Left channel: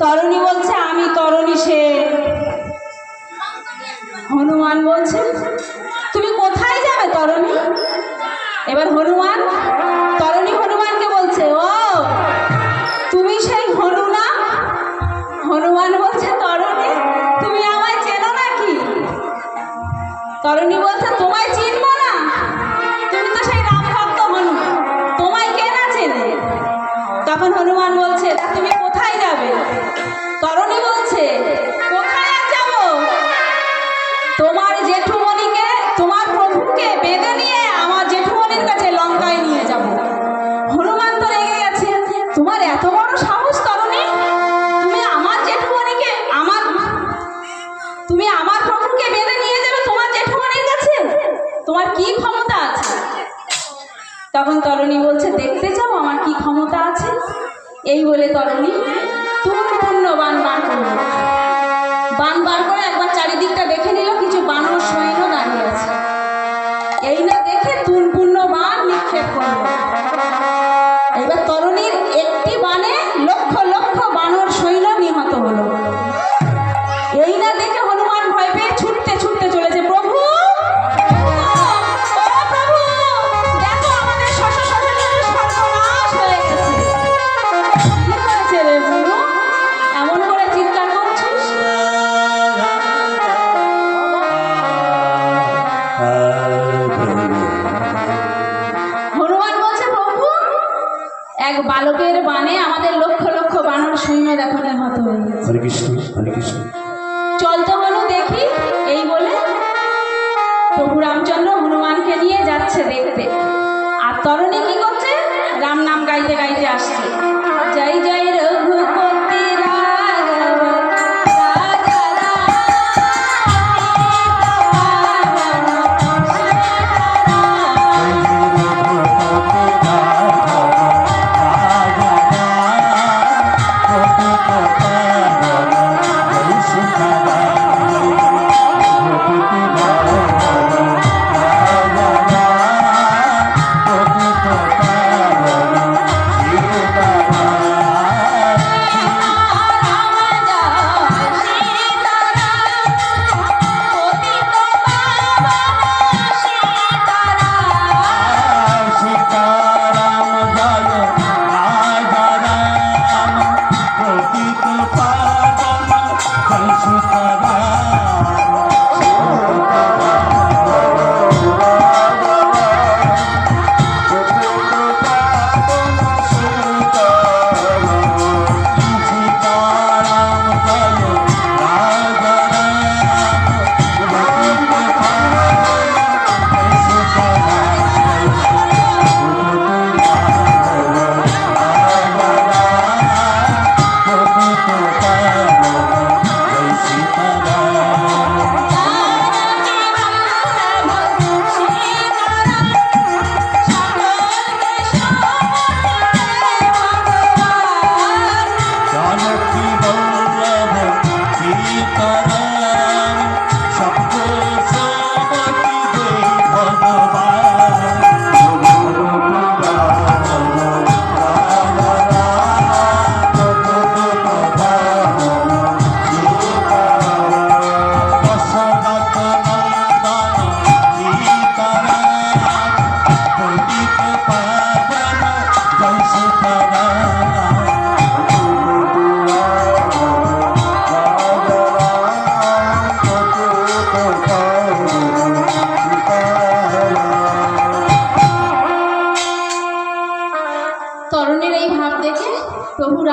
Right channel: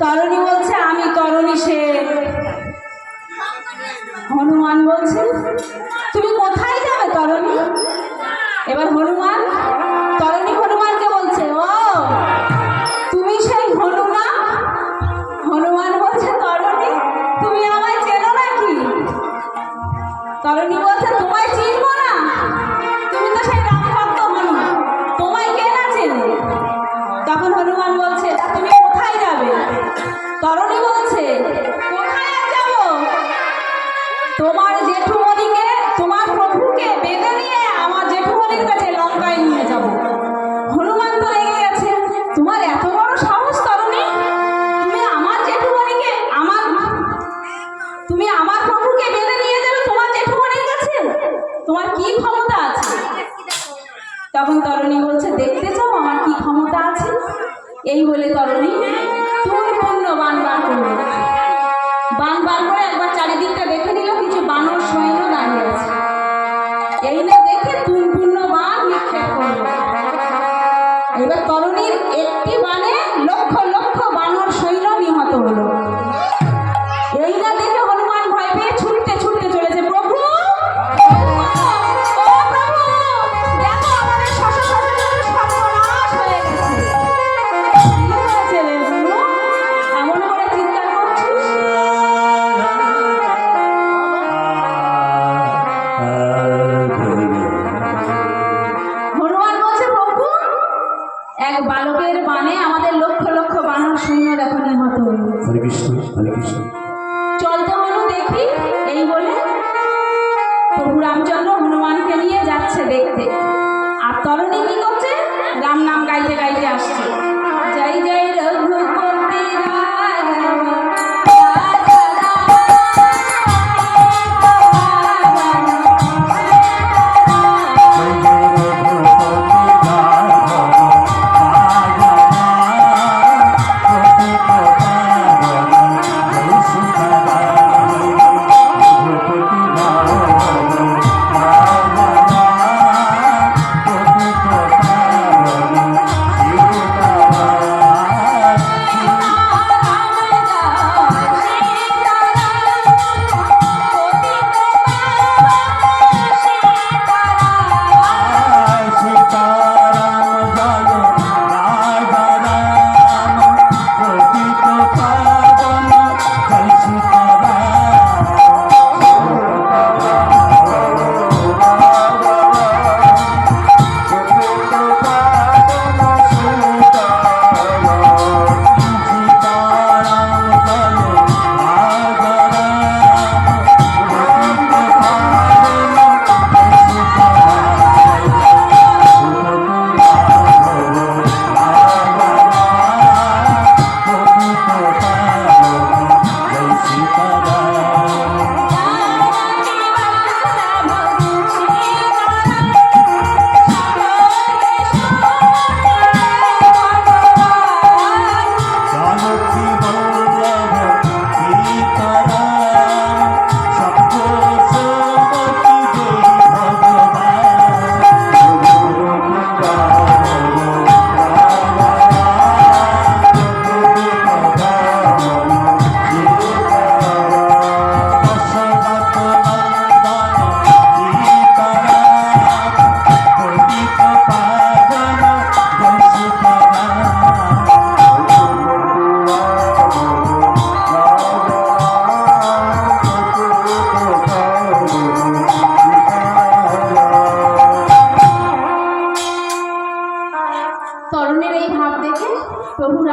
তরুণী বলছে আমি তরুণী সে। হনুমান বলছে তুমি কোথায় যাবে তরুণী? এবার হনুমান তরুণী হনুমানকে বলছে ও তুমি সেই হনু না? হনুমান বলছে তরুণী তুমি আমায় চেনো নাকি? তরুণী বলছে তোমায় চিনবো না, তুমি তো সেই রামভক্ত হনু, তোমায় কে না চেনে? তখন হনুমান বলছে তুমি কোথায় যাবে? তরুণী বলছে কোথায় যাব, তোমার জেঠুমণিকে তোমার প্রভুকে বেঁধে নিয়ে আমার জেঠুমণির কাছে লঙ্কায় নিয়ে যাব। হনুমান তো রেগে গেছে, তোমার এত বড় সাহস তরুণী, তুমি আমার জেঠুমণিকে তুমি আমার প্রভুকে বেঁধে নিয়ে যাবে তোমার জেঠুমণির কাছে, তোমার কি ক্ষমতা আছে? তখন তরুণী বলছে দেখতে চাও আমার কি ক্ষমতা আছে? এই বলে তরুণী পূর্ণ বান বার করলো। বান বার করে একবার চারিদিকটা দেখে নিল, কিছু বানর সৈন্য দাঁড়িয়ে আছে। এই না দেখে পূর্ণ বান নিক্ষেপ করলো। এবার তরুণীর একটি বানে লক্ষ লক্ষ বানর সৈন্য নিহত হলো। এই না দেখে হনুমান ভয় পেয়ে ছুটতে ছুটতে চলেছে, প্রভু ও প্রভু দেখো আমাদের সর্বনাশ হয়ে গেছে। কি হয়েছে রে বুনু, এমন করে চিৎকার করছিস?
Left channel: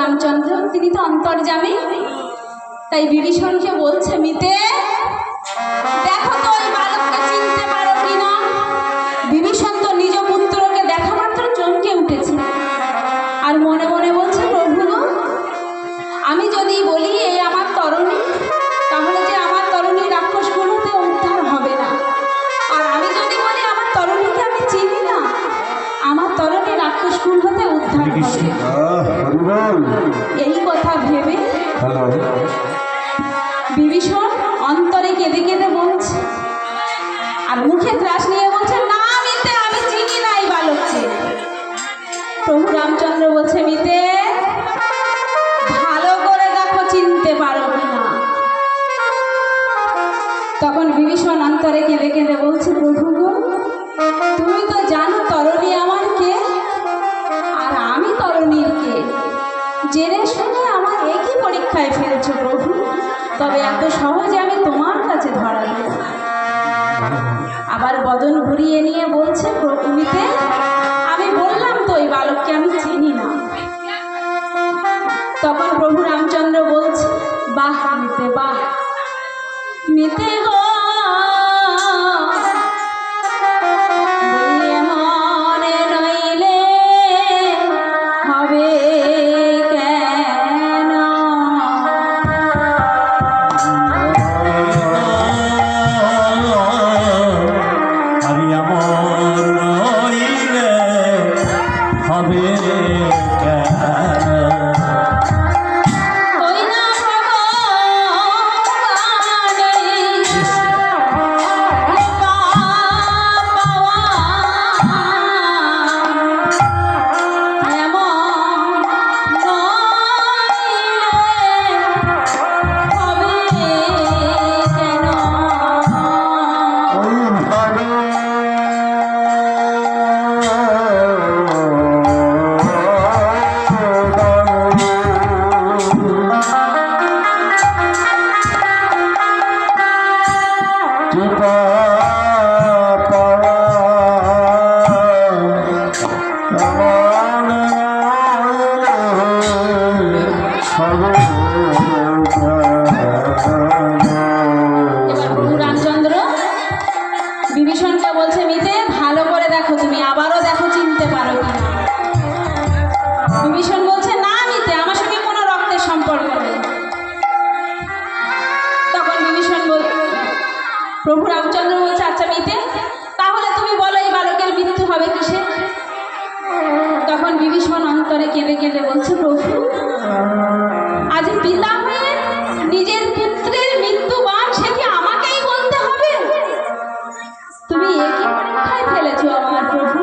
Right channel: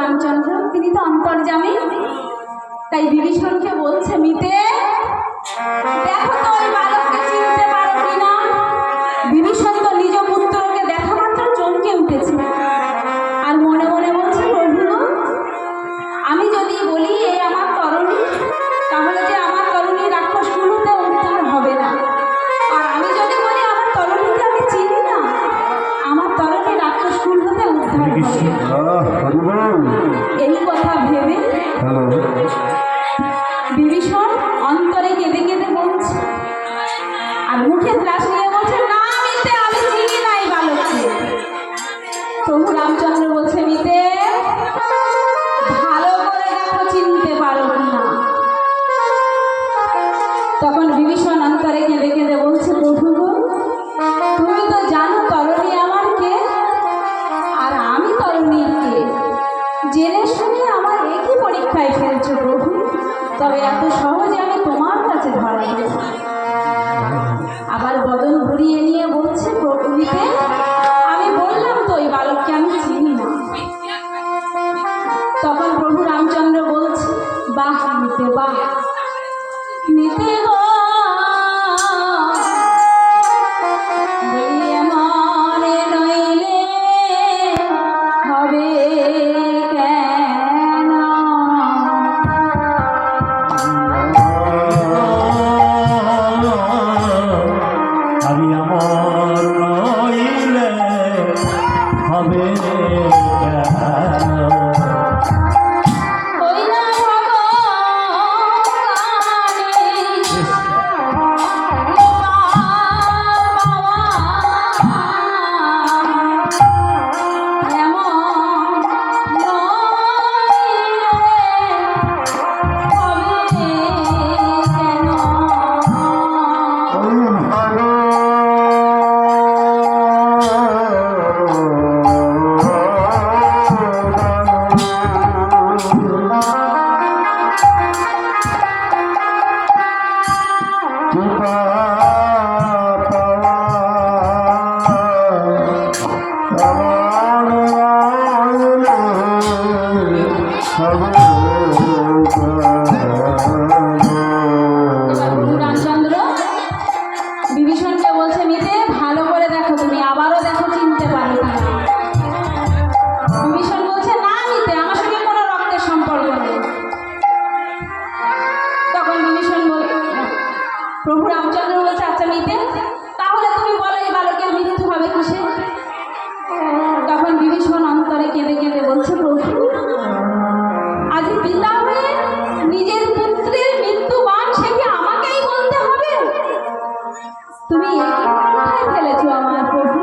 রামচন্দ্র তিনি তো অন্তর্যামী, তাই বিভীষণকে বলছে, মিতে দেখো তো ওই বালককে চিনতে পারো কিনা। বিভীষণ তো নিজ পুত্রকে দেখা মাত্র চমকে উঠেছে আর মনে মনে বলছে, প্রভু আমি যদি বলি এ আমার তরুণী, তাহলে যে আমার তরুণী রাক্ষসগুলোতে উদ্ধার হবে না। আর আমি যদি বলি আমার তরুণীকে আমি চিনি না, আমার তরুণী রাক্ষসগুলোতে উদ্ধার হবে। এই কথা ভেবে বিভীষণ অন্তরে কেঁদে কেঁদে বলছে আর মুখে ত্রাস নিয়ে বলছে, না মিতে আমি চিনি না এই বালককে। প্রভু রামচন্দ্র বলছে, মিতে ভালো করে দেখো চিনতে পারো কিনা। তখন বিভীষণ অন্তরে কেঁদে কেঁদে বলছে, প্রভু গো তুমি তো জানো তরুণী আমার কে আর আমি তরুণীর কে। জেনে শুনে আমার একই পরীক্ষায় ফেলছো প্রভু, তবে এত সহজে আমি তোমার কাছে ধরা দেব। আবার বদন ঘুরিয়ে নিয়ে বলছে, প্রভুমিতে আমি বললাম তো এই বালককে আমি চিনি না। তখন প্রভু রামচন্দ্র বলছে, বাহ মিতে বাহ, মিতে গো মনে রইলে হবে কেন। ওই না রামচন্দ্র বিভীষণকে বলছে, মিতে ভালো করে দেখো, তুমি আবারও দেখো চিনতে পারো কিনা। বিভীষণ বলছে, না মিতে আমার সঙ্গে কোনো রক্তের সম্পর্ক নেই। তখন বিভীষণ প্রভু রামচন্দ্র বলছে, আচ্ছা মিতে তাহলে তুমি বলো এই বালকের মৃত্যু হবে কিসে। তখন বিভীষণ অন্তরে কেঁদে কেঁদে বলছে, প্রভু আজ পিতা হয়ে নিজের পুত্রের মৃত্যুবান সে কি আমাকেই বলতে হবে। তুমি একই পরীক্ষায় ফেলেছো আমার প্রভু,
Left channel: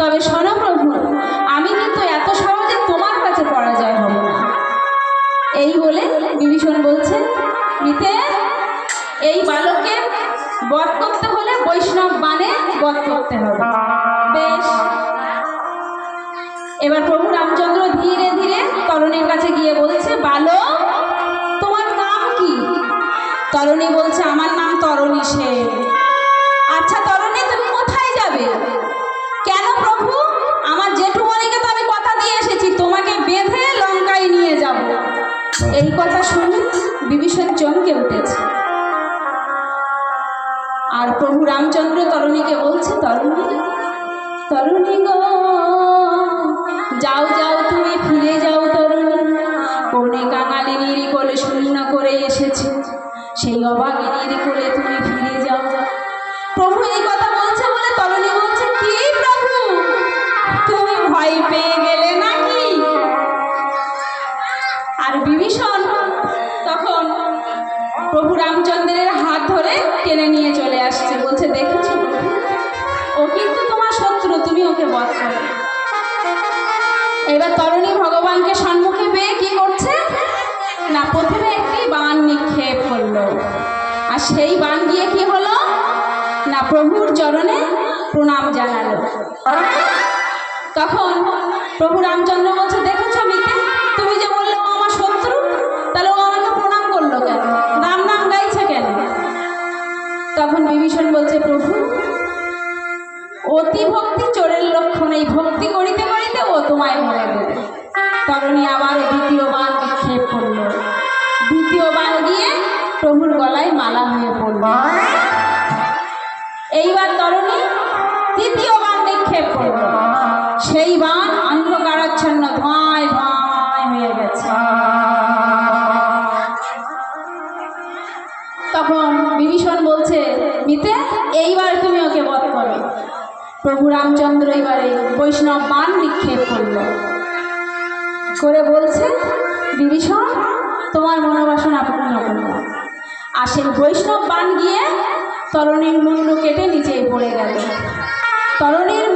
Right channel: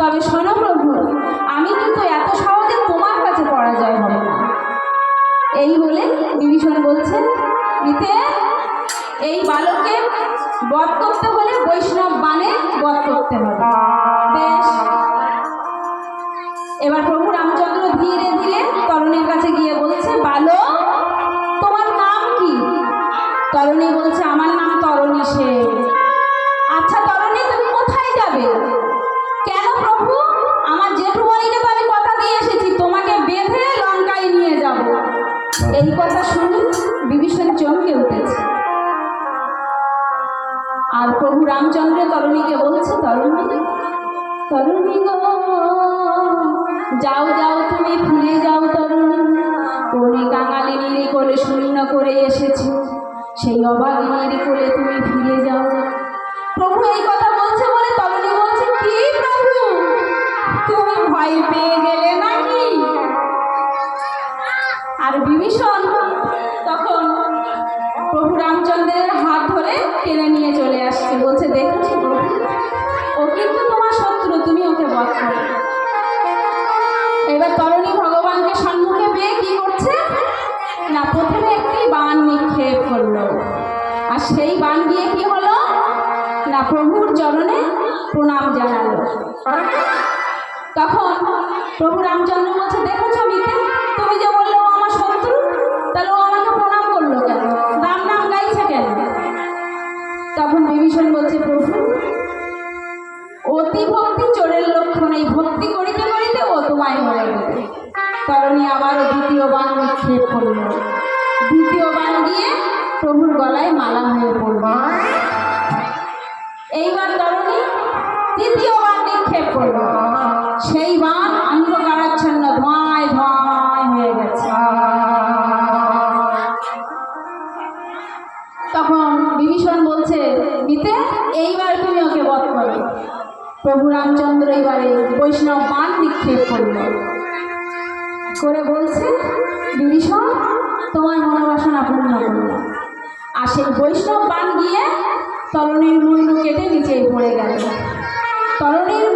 তবে শোনো প্রভু আমি কিন্তু এত সহজে তোমার কাছে পরাজয় হব না। এই বলে বিভীষণ বলছে, মিতে এই বালককে বধ করতে হলে বৈষ্ণব বাণে বধ করতে হবে। বেশ, এবার প্রভু রামচন্দ্র ধীরে ধীরে তরুণীর কাছে গিয়ে বলছে, বালক তোমার নাম কি। তরুণী বলছে, আমার নাম তরুণী সেন। আচ্ছা তরুণী তুমি কোথায় যাবে। কেন প্রভু, আমার জেঠুমণিকে তো আমি কথা দিয়ে এসেছি তোমাকে বেঁধে লঙ্কায় নিয়ে যাব। এই কথা শুনে বিভীষণ চমকে উঠেছে আর প্রভু রামচন্দ্র তরুণীকে বলছে, তরুণী তরুণী গো যাও যাও তুমি ফিরে যাও তরুণী, কোনে কাঙালিনীর কোলে শূন্য করে এসেছে, সেই অভাগিনীর কোলে তুমি ফিরে যাও। প্রভু এই কথা বলছে বলে তরুণী বলছে, কি প্রভু তুমি ভয় পেয়ে গেলে নাকি। আর বিভীষণ তখন প্রভু রামচন্দ্রের হাত ধরে টেনে নিয়ে চলে আসছে, বলছে, দেখেছো প্রভু ও কিন্তু তোমার শত্রু, তুমি ওকে বধ করো। এবার তরুণী ভগবানকে সম্মুখে পেয়ে কি করছে না, প্রথমে একটি বাণ নিক্ষেপ করলো আর সেই বাণ গিয়ে কি হলো না, প্রভুর চরণে প্রণাম জানালো। তখন প্রভু রামচন্দ্র বলছে, দেখেছো মিতে তুমি যে বললে ও আমার শত্রু, তাহলে ও আমাকে প্রণাম করলো কেন, রাম নাম গাইছে কেন। তখন বিভীষণ বলছে, প্রভু অতি ভক্তি চোরের লক্ষণ, এই ভক্তি করিতে করিতে ও তোমায় বলে দেবে। তরুণী তরুণী আবারও দ্বিতীয় বাণ নিক্ষেপ করল। দ্বিতীয় বাণ গিয়ে প্রভুর গলায় মালা হয়ে পড়ল। এইবার তরুণী তৃতীয় বাণ নিক্ষেপ করল। সেই বাণ অন্ধকারাচ্ছন্ন ধোঁয়ায় ধোঁয়ায় হয়ে গেছে। তখন বিভীষণ বলছে, মিতে এইবার তুমি ওকে বধ করো। প্রভু রামচন্দ্র এবারে বৈষ্ণব বাণ নিক্ষেপ করল, করে বলছে, বিভীষণ তোমার মনোবাসনা পূর্ণ করল। আর সেই বৈষ্ণব বাণ গিয়ে তরুণীর মুন্ডু কেটে নিচেই পড়ে গেল। তরুণীর